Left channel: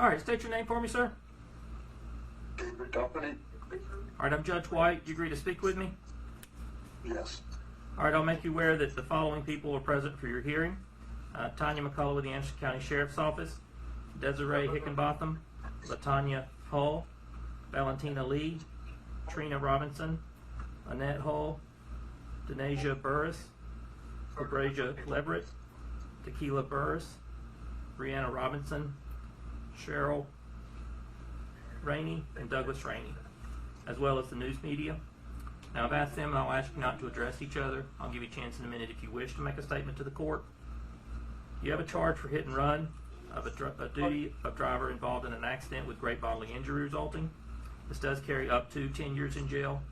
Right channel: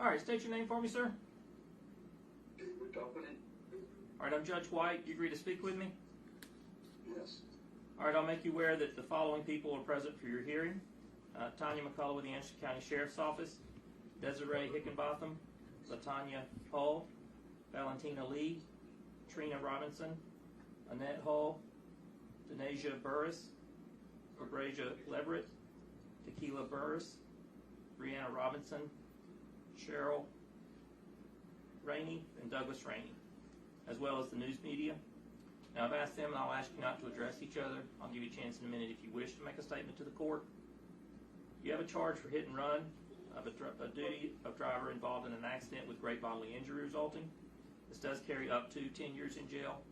All right, state your name for me, sir. David Company? All right, I'm Judge White. You agree to speak with me? Yes. All right, I'll make you aware that the following people are present for your hearing. Tanya McCullough with the Anderson County Sheriff's Office, Desiree Hickenbotham, Latanya Hull, Valentina Lee, Trina Robinson, Annette Hull, Denasia Burris, Fabrasia Leverett, Tequila Burris, Brianna Robinson, Cheryl Rainey, and Douglas Rainey, as well as the news media. Now I've asked them, and I'll ask you not to address each other. I'll give you a chance in a minute if you wish to make a statement to the court. You have a charge for hit and run of a duty of driver involved in an accident with great bodily injury resulting. This does carry up to 10 years in jail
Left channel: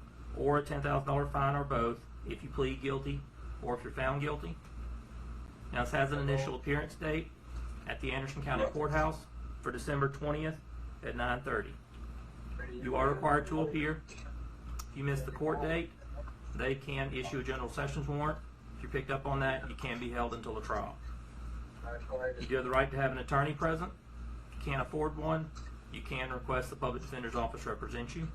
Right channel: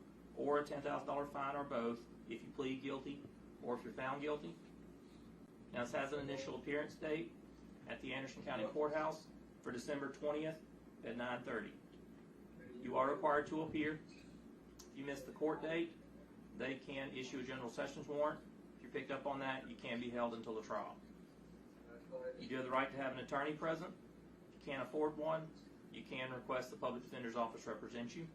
or a $10,000 fine, or both if you plead guilty or if you're found guilty. Now this has an initial appearance date at the Anderson County Courthouse for December 20th at 9:30. You are required to appear. If you miss the court date, they can issue a general sessions warrant. If you're picked up on that, you can be held until a trial. You do have the right to have an attorney present. If you can't afford one, you can request the public defender's office represent you.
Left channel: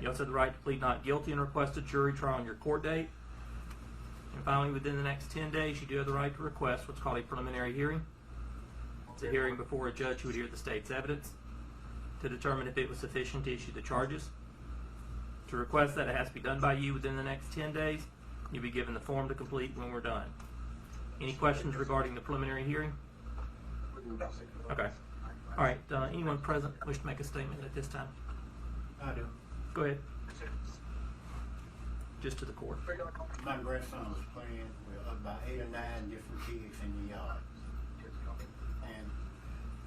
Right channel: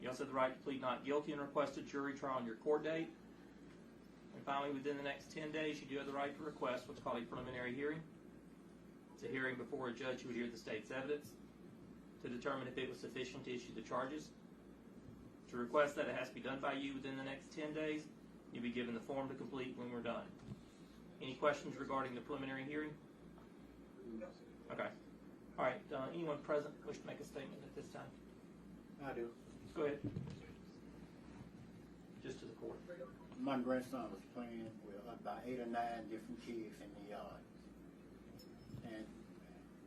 You also have the right to plead not guilty and request a jury trial on your court date. And finally, within the next 10 days, you do have the right to request what's called a preliminary hearing. It's a hearing before a judge who would hear the state's evidence to determine if it was sufficient to issue the charges. To request that, it has to be done by you within the next 10 days. You'll be given the form to complete when we're done. Any questions regarding the preliminary hearing? Nothing. Okay. All right. Anyone present wish to make a statement at this time? I do. Go ahead. Just to the court. My grandson was playing with about 8 or 9 different kids in the yard. And,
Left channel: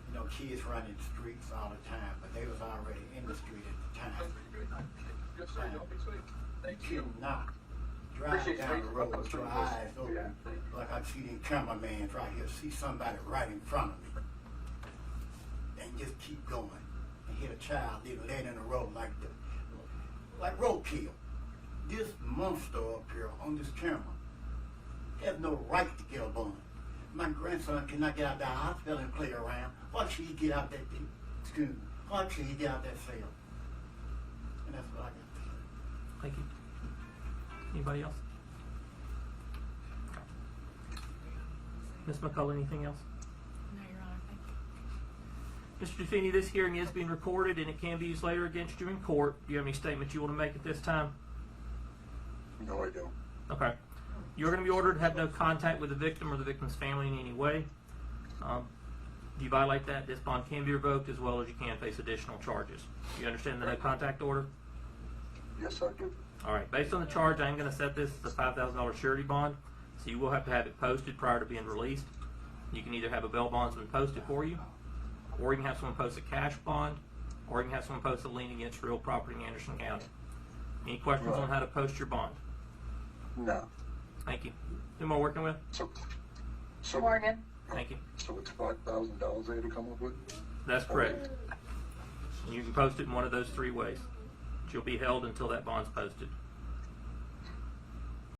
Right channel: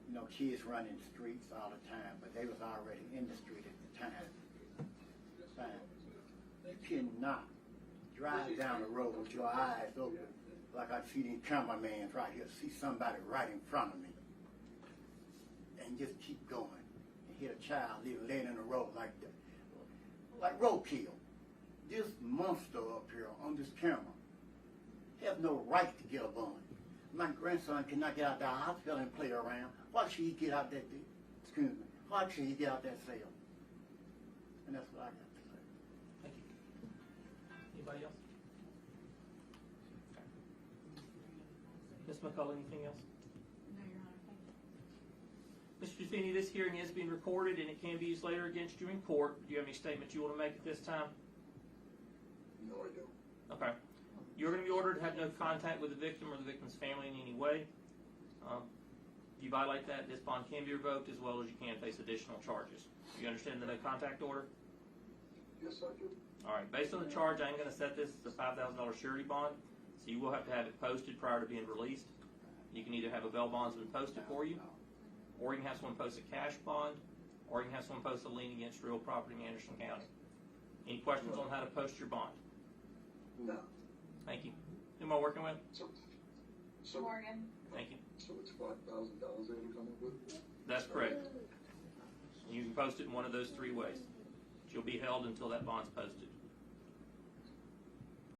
you know, kids run in streets all the time, but they was already in the street at the time. You cannot drive down the road with your eyes open like I see these cameramans right here, see somebody right in front of me. And just keep going and hit a child laying in the road like roadkill. This monster up here on this camera has no right to get a bond. My grandson cannot get out the hospital and play around. Why should he get out that excuse me? Why should he get out that cell? And that's what I got to say. Thank you. Anybody else? Ms. McCullough, anything else? No, Your Honor, thank you. Mr. Duffini, this hearing is being recorded and it can be used later against you in court. Do you have any statements you want to make at this time? No, I don't. Okay. You're going to be ordered to have no contact with the victim or the victim's family in any way. If you violate that, this bond can be revoked, as well as you can face additional charges. Do you understand the no contact order? Yes, I do. All right. Based on the charge, I am going to set this as a $5,000 surety bond, so you will have to have it posted prior to being released. You can either have a bail bondsman posted for you, or you can have someone post a cash bond, or you can have someone post a lien against real property in Anderson County. Any questions on how to post your bond? No. Thank you. Who am I working with? So Morgan. Thank you. So it's $5,000 they had to come up with? That's correct. You can post it in one of those 3 ways. You'll be held until that bond's posted.